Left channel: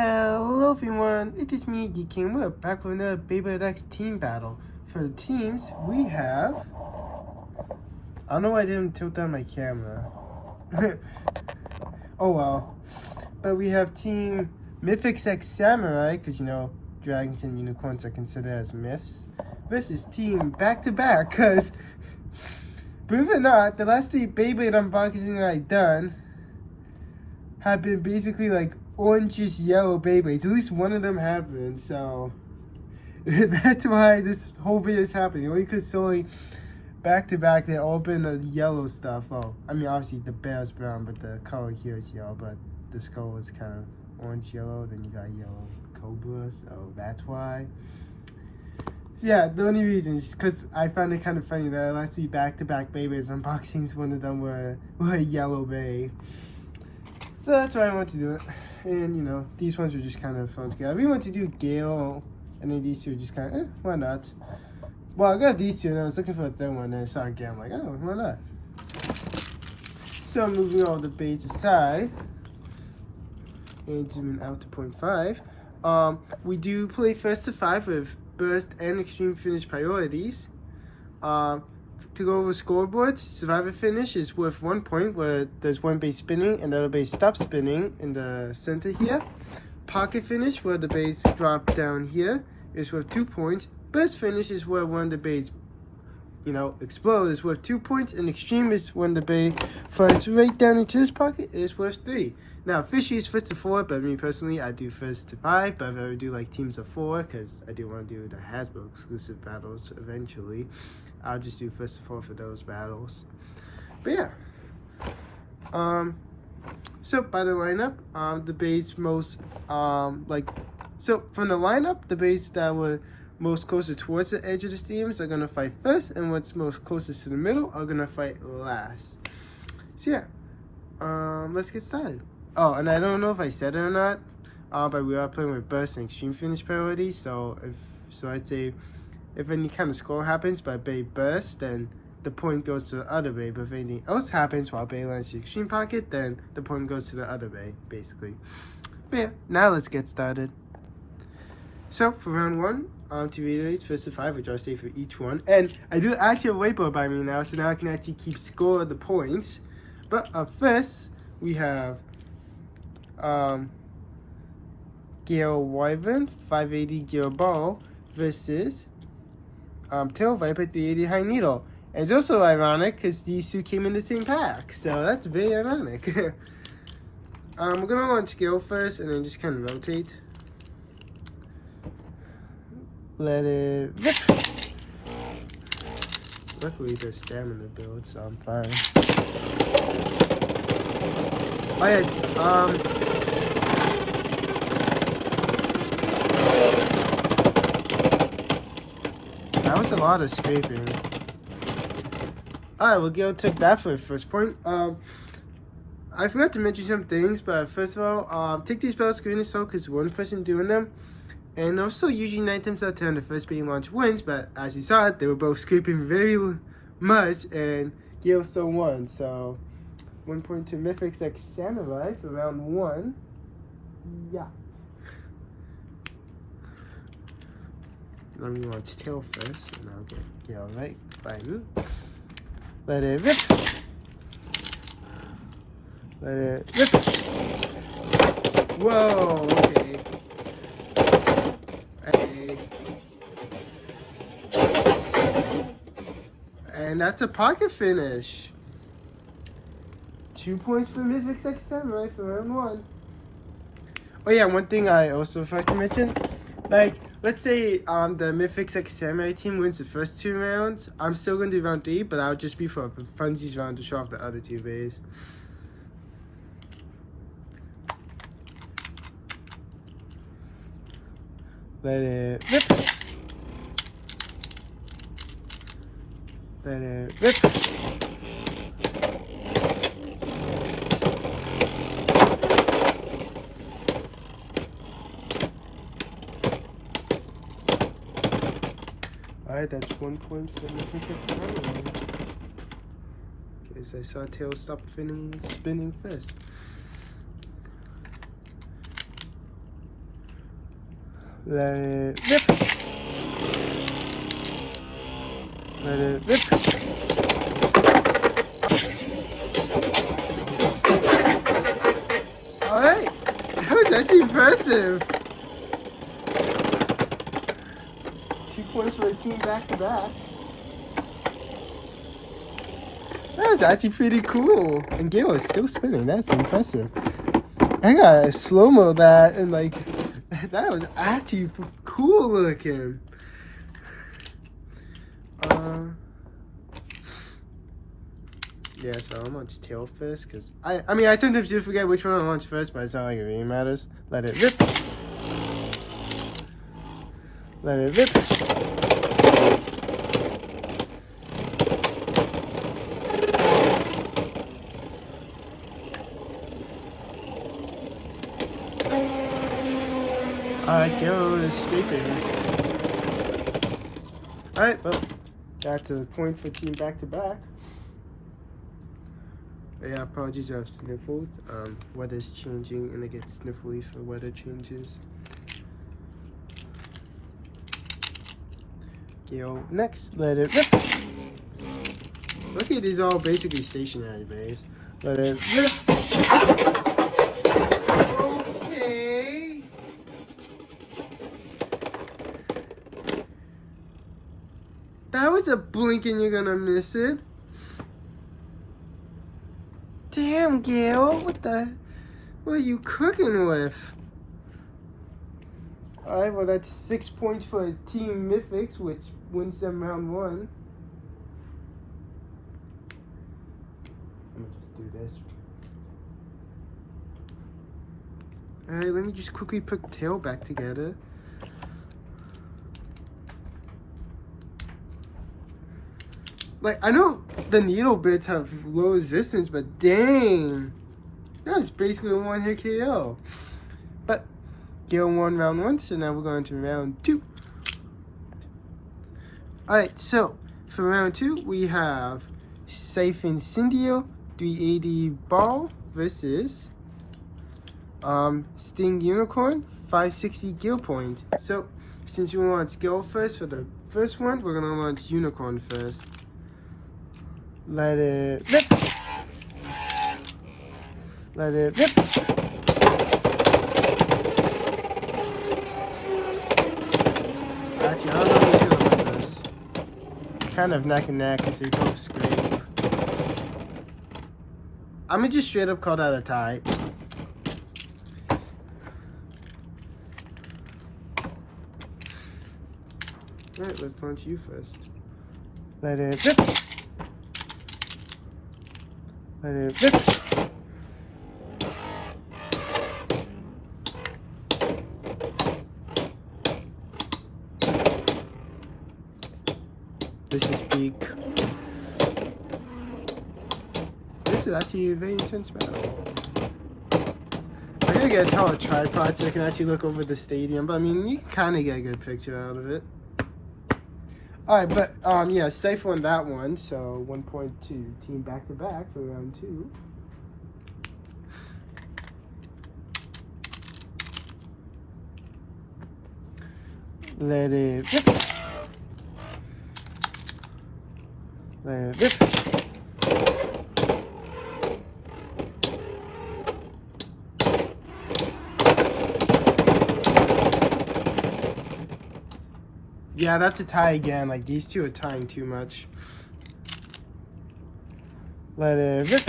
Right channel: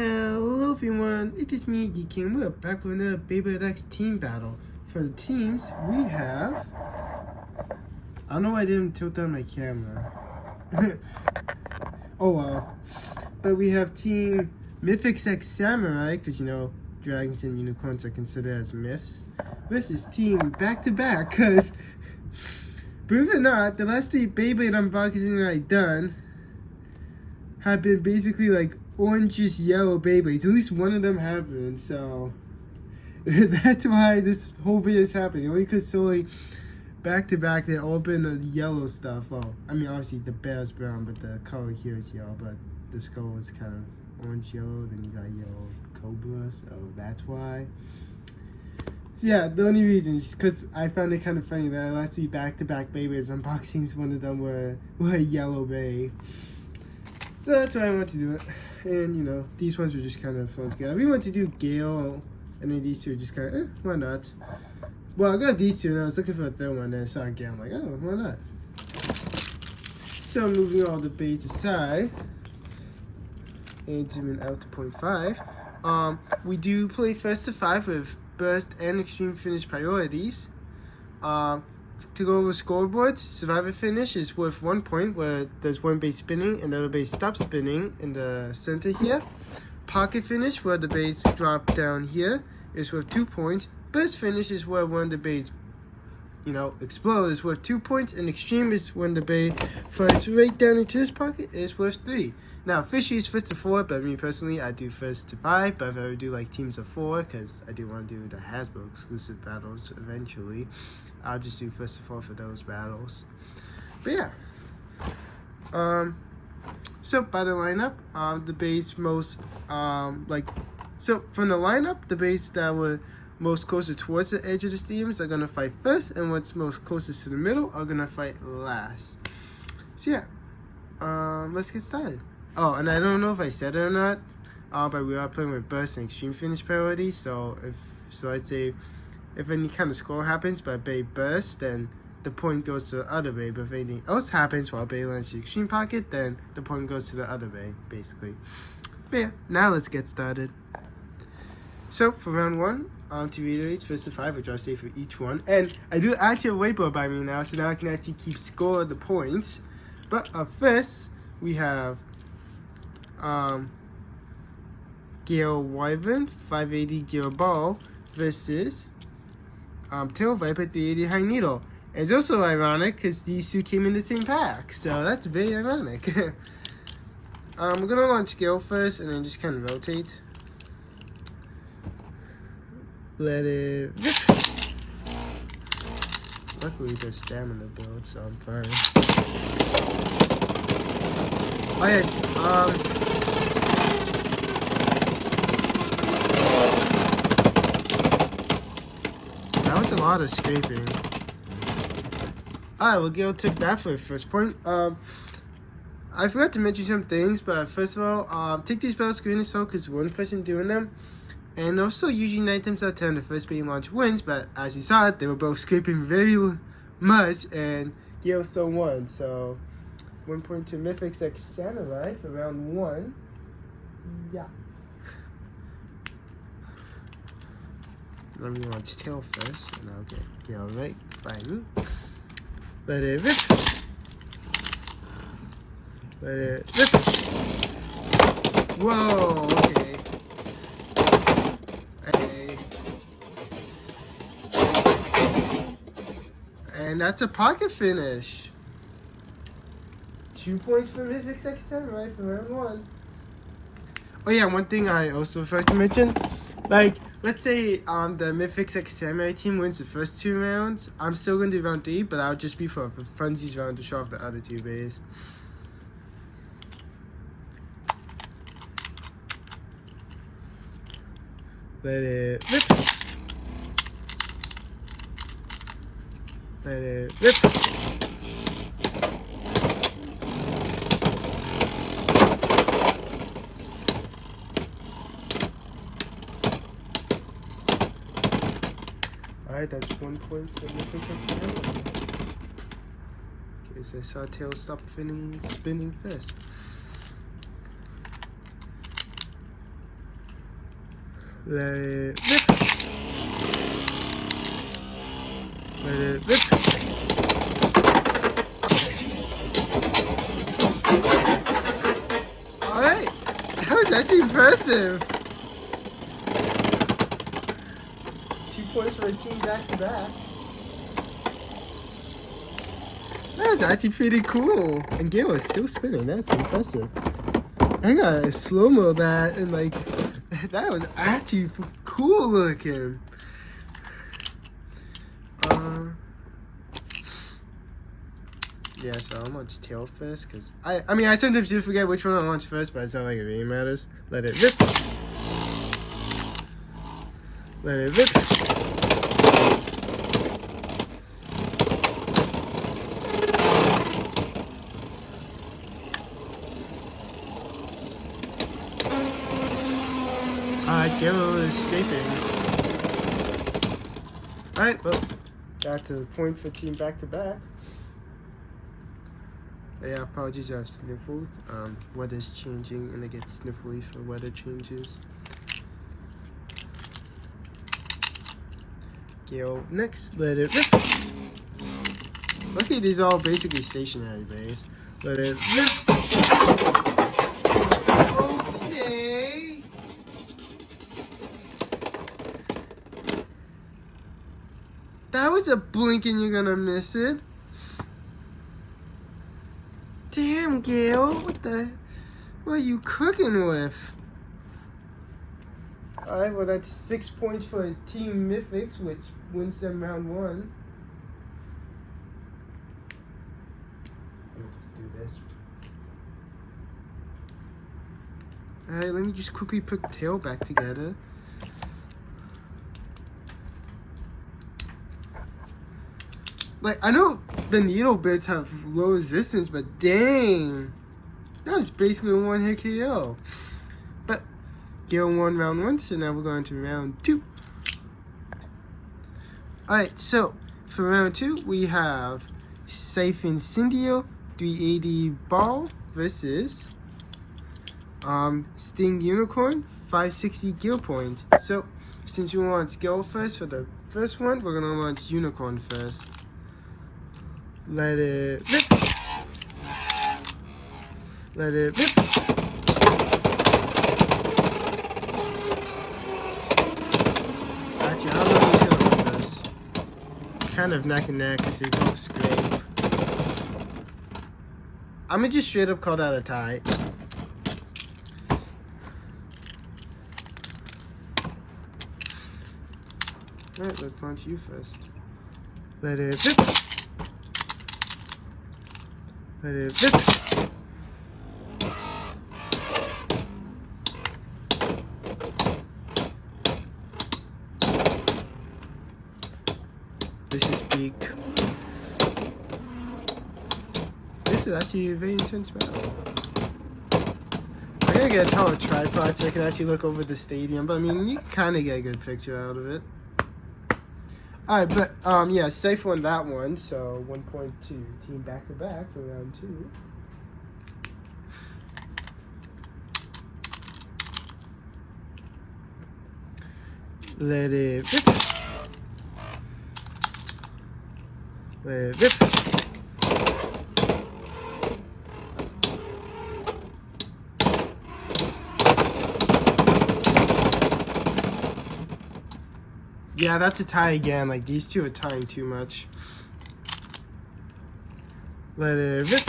Hello everyone, it is me, the King. We're back with another Beyblade X team battle. For the teams, we have... I don't know why I didn't tilt down my camera. Oh well. But we have Team Mythic X Samurai, because you know, dragons and unicorns are considered as myths. Versus Team Back to Back, because... believe it or not, the last 3 Beyblade unboxing I've done have been basically like orangish yellow Beyblades. At least one of them happened, so that's why this whole video is happening. Only because solely back to back they've all been the yellow stuff. Oh, I mean obviously the bear's brown, but the color here is yellow, but the skull is kind of orange yellow. Then you got yellow cobra, so that's why. So yeah, the only reason is because I found it kind of funny that last 3 back-to-back Beyblades unboxings, one of them were a yellow Bey. So that's why I want to do it. And you know, these ones are just kind of fun together. I really want to do Gale, and then these two are just kind of, why not? Well, I got these two, and I was looking for a third one, and I saw Gale. I'm like, oh, why not? So I'm moving all the Beys aside, and zooming out to 0.5. We do play first to 5 with burst and extreme finish priorities. To go over scoreboards, survivor finish is worth 1 point, where there's one Bey spinning and the other Bey stops spinning in the center here. Pocket finish, where the Beys drop down here, is worth 2 points. Burst finish is where one of the Beys, you know, explode, is worth 2 points. And extreme is when the Bey flies right down into this pocket, is worth 3. Now, fishy is first to 4, but me personally, I do first to 5. But if I ever do like teams of 4, because I do want to do the Hasbro exclusive battles eventually, I'll just do first to 4 for those battles. But yeah. So by the lineup, the Beys most so from the lineup, the Beys that were most closer towards the edge of the stadiums are gonna fight first, and what's most closest to the middle are gonna fight last. So yeah, let's get started. Oh, and I don't know if I said it or not, but we are playing with burst and extreme finish priority. So I'd say if any kind of score happens by Bey burst, then the point goes to the other Bey. But if anything else happens while Bey lands the extreme pocket, then the point goes to the other Bey, basically. But yeah, now let's get started. So for round 1, to reiterate, first to 5, which I'll say for each one. And I do actually have a whiteboard by me now, so now I can actually keep score of the points. But first, we have Gale Wyvern 580 Gale Ball versus Tail Viper 380 High Needle. And it's also ironic because these two came in the same pack, so that's very ironic. We're gonna launch Gale first and then just kind of rotate. Let it rip. Luckily there's stamina build, so I'm fine. Oh yeah, that was a lot of scraping. Alright, well, Gale took that for the first point. I forgot to mention some things, but first of all, take these battles green as so because one person doing them. And also, usually 9 times out of 10, the first being launch wins, but as you saw, they were both scraping very much, and Gale still won. So, 1 point to Mythic X Samurai for round 1. Yeah. Let me launch Tail first, and I'll get Gale right by me. Let it rip. Let it rip. Whoa, okay. And that's a pocket finish. 2 points for Mythic X Samurai for round 1. Oh yeah, one thing I also forgot to mention, like, let's say the Mythic X Samurai team wins the first 2 rounds. I'm still going to do round 3, but I'll just be for a funsies round to show off the other 2 Beys. Let it rip. Let it rip. Alright, that's 1 point for the Okay, so I saw Tail stop spinning first. Let it rip. Let it rip. Alright, that was actually impressive. 2 points for a team back to back. That was actually pretty cool. And Gale is still spinning. That's impressive. I gotta slow-mo that and like, that was actually cool looking. Yeah, so I'll launch tail first, because I mean, I sometimes do forget which one I launch first, but it's not like it really matters. Let it rip. Let it rip. Gale is scraping. Alright, well, that's a point for team back to back. Yeah, apologies, I've sniffled. Weather's changing and I get sniffly for weather changes. Gale next, let it rip. Look at these all basically stationary bays. Let it rip. Okay. That was a blink and you're gonna miss it. Damn, Gale, what are you cooking with? Alright, well that's 6 points for Team Mythics, which wins them round 1. We'll just do this. Alright, let me just quickly put the tail back together. Like, I know the needle bits have low resistance, but dang, that was basically a one-hit KO. But Gale won round 1, so now we're going to round 2. Alright, so for round 2, we have Scythe Incendio 380 ball versus Sting Unicorn 560 Gale point. So since you want Gale first for the first one, we're gonna launch Unicorn first. Let it rip. Let it rip. Actually, I don't know who's gonna win this. It's kind of neck and neck because they both scrape. I'm gonna just straight up call that a tie. Alright, let's launch you first. Let it rip. Let it rip. This is big. This is actually a very intense battle. I gotta get a taller tripod so I can actually look over the stadium, but I mean, you can kind of get a good picture out of it. Alright, but, yeah, Scythe won that one, so 1 point to team back-to-back for round 2. Let it rip. Let it rip. Yeah, that's a tie again. Like, these two are tying too much. Let it rip.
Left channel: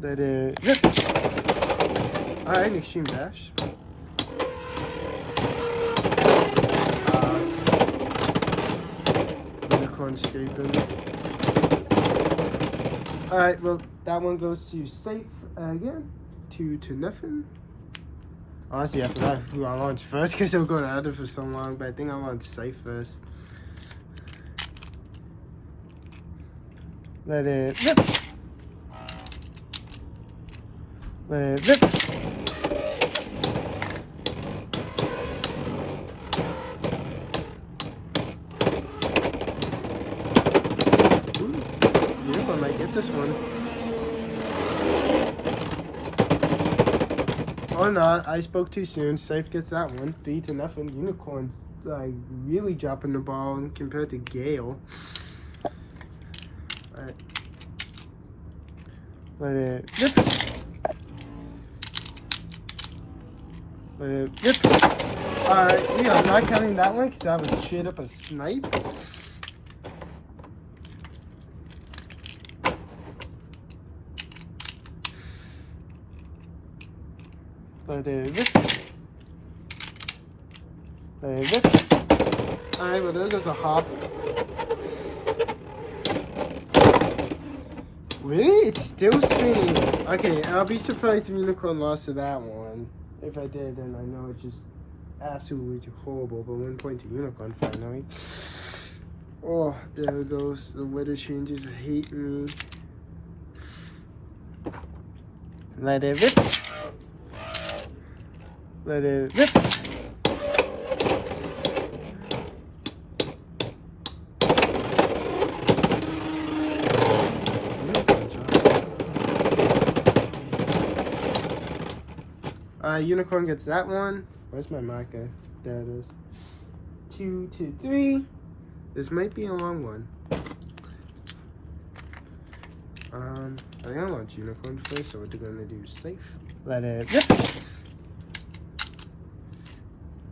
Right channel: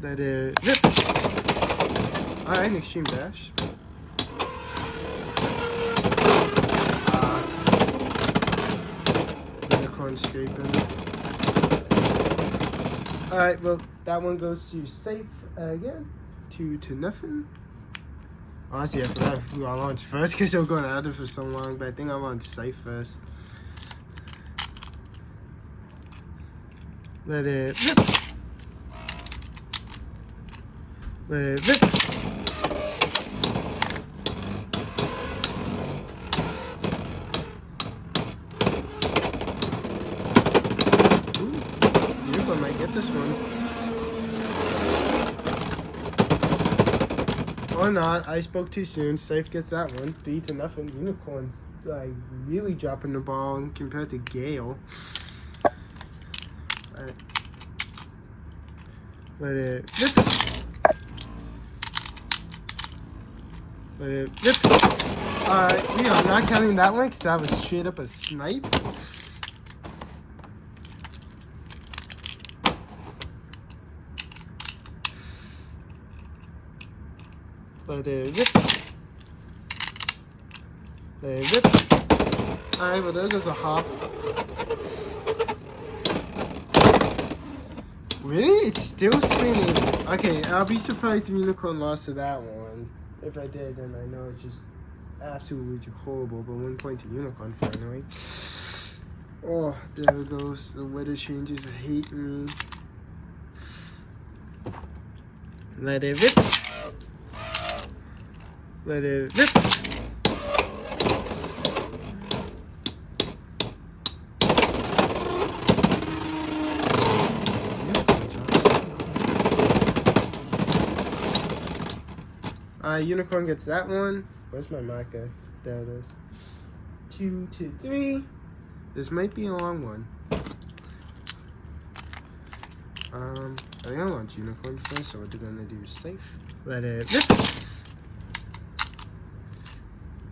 Let it rip. Alright, an extreme dash. Unicorn scraping. Alright, well, that one goes to Scythe again. 2 to nothing. Honestly, I forgot who I launched first because they were going at it for so long, but I think I launched Scythe first. Let it rip. Let it rip. Ooh, Unicorn might get this one. Or not. I spoke too soon. Scythe gets that one. 3-0. Unicorn, like, really dropping the ball compared to Gale. Alright. Let it rip. Let it rip. Alright, we are not counting that one because that was straight up a snipe. Let it rip. Let it rip. Alright, well there goes a hop. Really? It's still spinning. Okay, I'll be surprised if Unicorn lost to that one. If I did, then I know it's just absolutely horrible. But 1 point to Unicorn finally. Oh, there it goes. The weather changes hate me. Let it rip. Let it rip. Unicorn gets that one. Where's my marker? There it is. 2, 2, 3. This might be a long one. I think I want Unicorn first, so we're gonna do Scythe. Let it rip.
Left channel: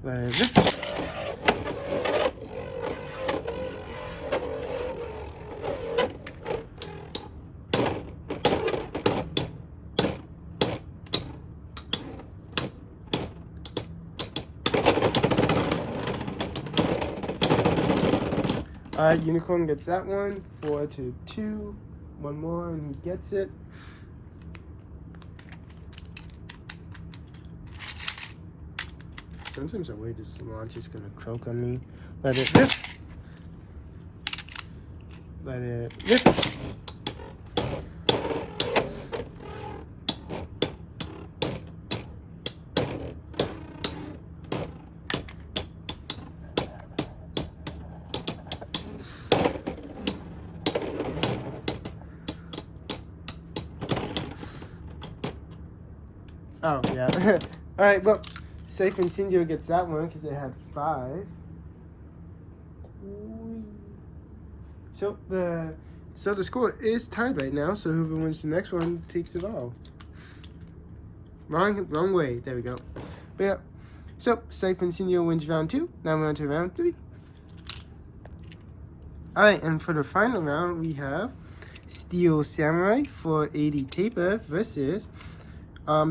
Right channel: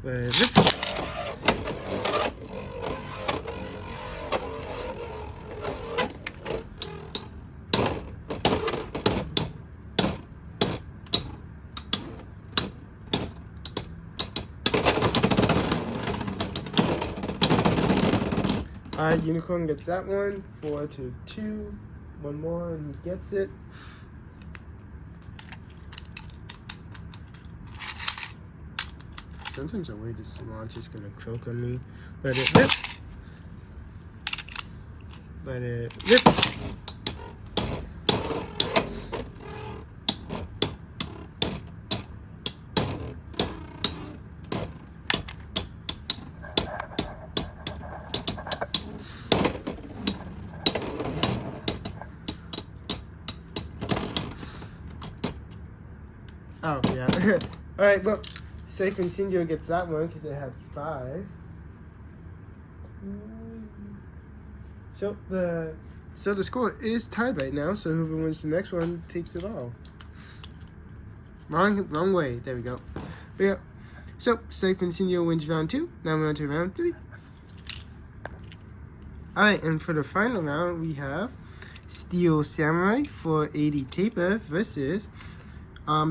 Let it rip. Unicorn gets that one. 4 to 2. One more and he gets it. Sometimes the way this launch is gonna croak on me. Let it rip. Let it rip. Oh, yeah. Alright, well, Scythe Incendio gets that one because they had 5. So the score is tied right now, so whoever wins the next one takes it all. Wrong way. There we go. But yeah. So, Scythe Incendio wins round 2. Now we're on to round 3. Alright, and for the final round, we have Steel Samurai 480 Taper versus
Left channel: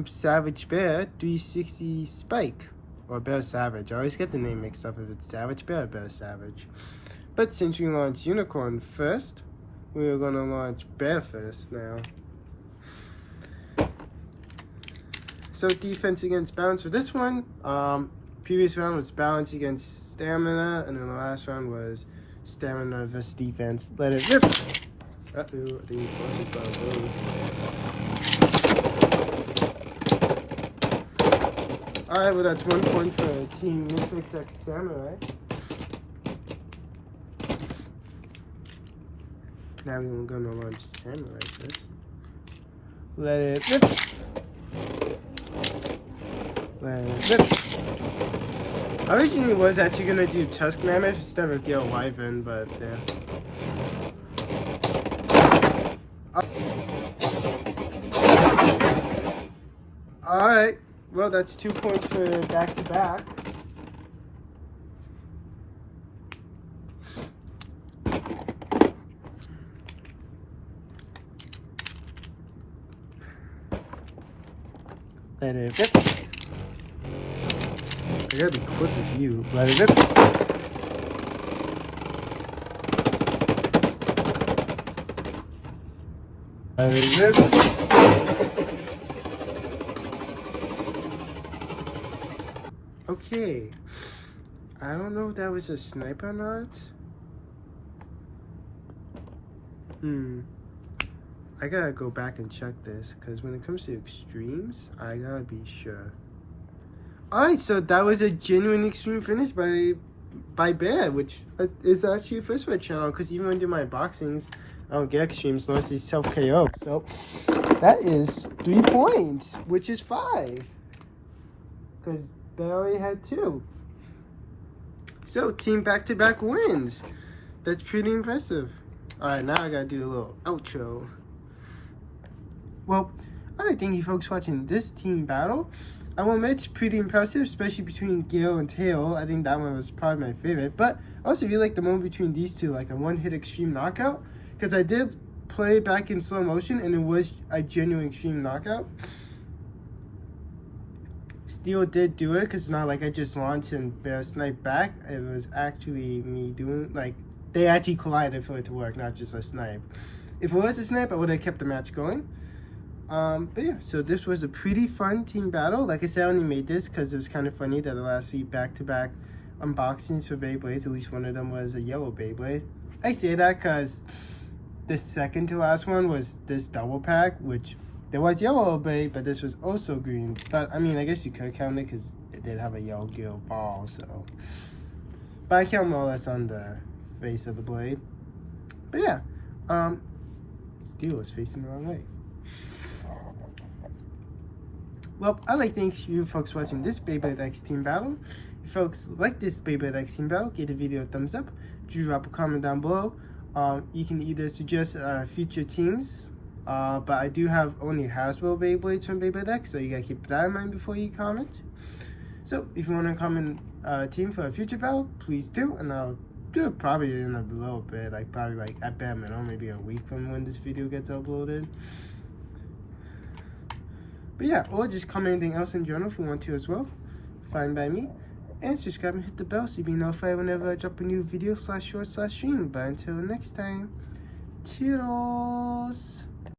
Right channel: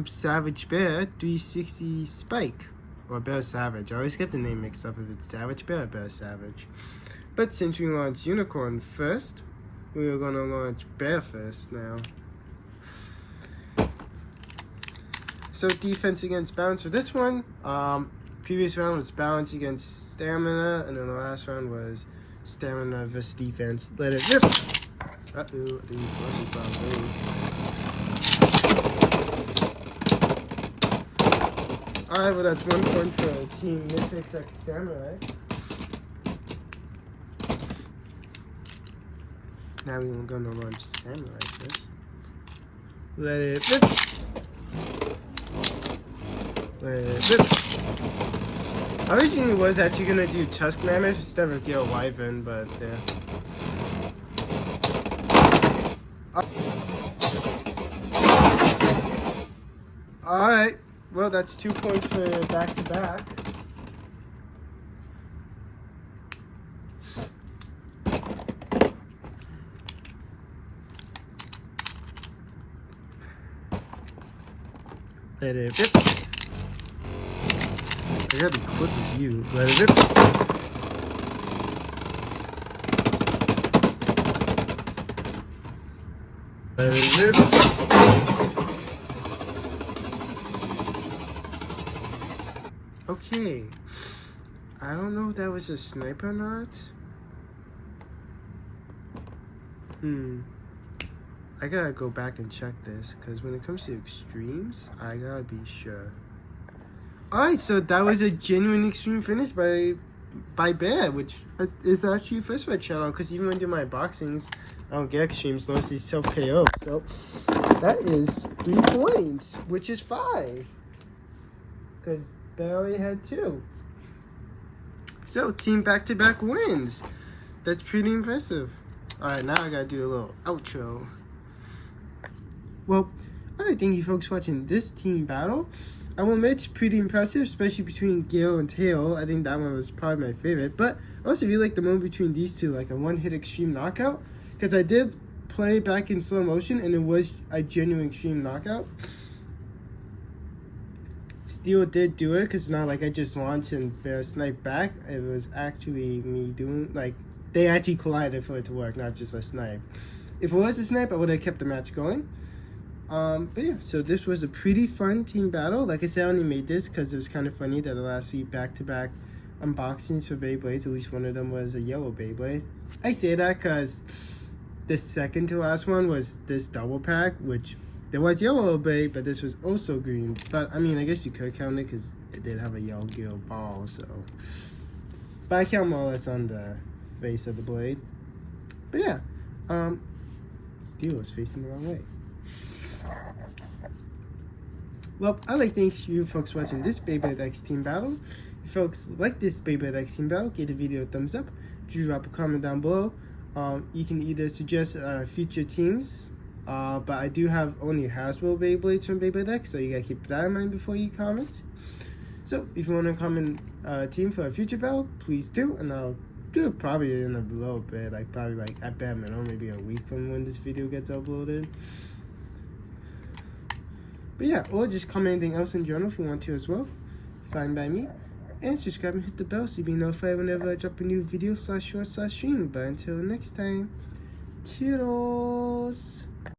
Savage Bear 360 Spike, or Bear Savage. I always get the name mixed up if it's Savage Bear or Bear Savage. But since we launched Unicorn first, we're gonna launch Bear first now. So defense against balance for this one. Previous round was balance against stamina, and then the last round was stamina versus defense. Let it rip. Uh-oh, I think he lost his ball. Alright, well that's 1 point for the team Mythic X Samurai. Now we're gonna launch Samurai first. Let it rip. Let it rip. I originally was actually gonna do Tusk Mammoth instead of Gale Wyvern, but yeah. Alright. Well, that's 2 points for back-to-back. Let it rip. I gotta be quick with you. Let it rip. Let it rip. Okay, I don't know if that was a sniper or not. I gotta go back and check this, because when it comes to extremes, I gotta be sure. Alright, so that was a genuine extreme finish by Bear, which is actually a first for the channel, because even when I do my boxings, I don't get extremes unless it's self-KO. So, that is 3 points, which is 5. because they already had 2. So, team back-to-back wins. That's pretty impressive. Alright, now I gotta do a little outro. Well, alright, thank you folks for watching this team battle. I will admit it's pretty impressive, especially between Gale and Tail. I think that one was probably my favorite. But I also really like the moment between these two, like a one-hit extreme knockout. Because I did play back in slow motion, and it was a genuine extreme knockout. Steel did do it, because it's not like I just launched and bear snipe back. It was actually me doing, like, they actually collided for it to work, not just a snipe. If it was a snipe, I would have kept the match going. But yeah, so this was a pretty fun team battle. Like I said, I only made this because it was kind of funny that the last 3 back-to-back unboxings for Beyblades, at least one of them was a yellow Beyblade. I say that because the second to last one was this double pack, which there was yellow Beyblade, but this was also green. But I mean, I guess you could count it because it did have a yellow gale ball, so. But I count more or less on the face of the blade. But yeah, Steel was facing the wrong way. Well, I'd like to thank you folks watching this Beyblade X team battle. If folks like this Beyblade X team battle, give the video a thumbs up. Drop a comment down below. You can either suggest future teams, but I do have only Hasbro Beyblades from Beyblade X, so you gotta keep that in mind before you comment. So, if you want to comment team for a future battle, please do, and I'll do it probably in a little bit, like probably like at bare minimum, maybe a week from when this video gets uploaded. But yeah, or just comment anything else in general if you want to as well. Fine by me. And subscribe and hit the bell so you'll be notified whenever I drop a new video /short/stream. But until next time, toodles!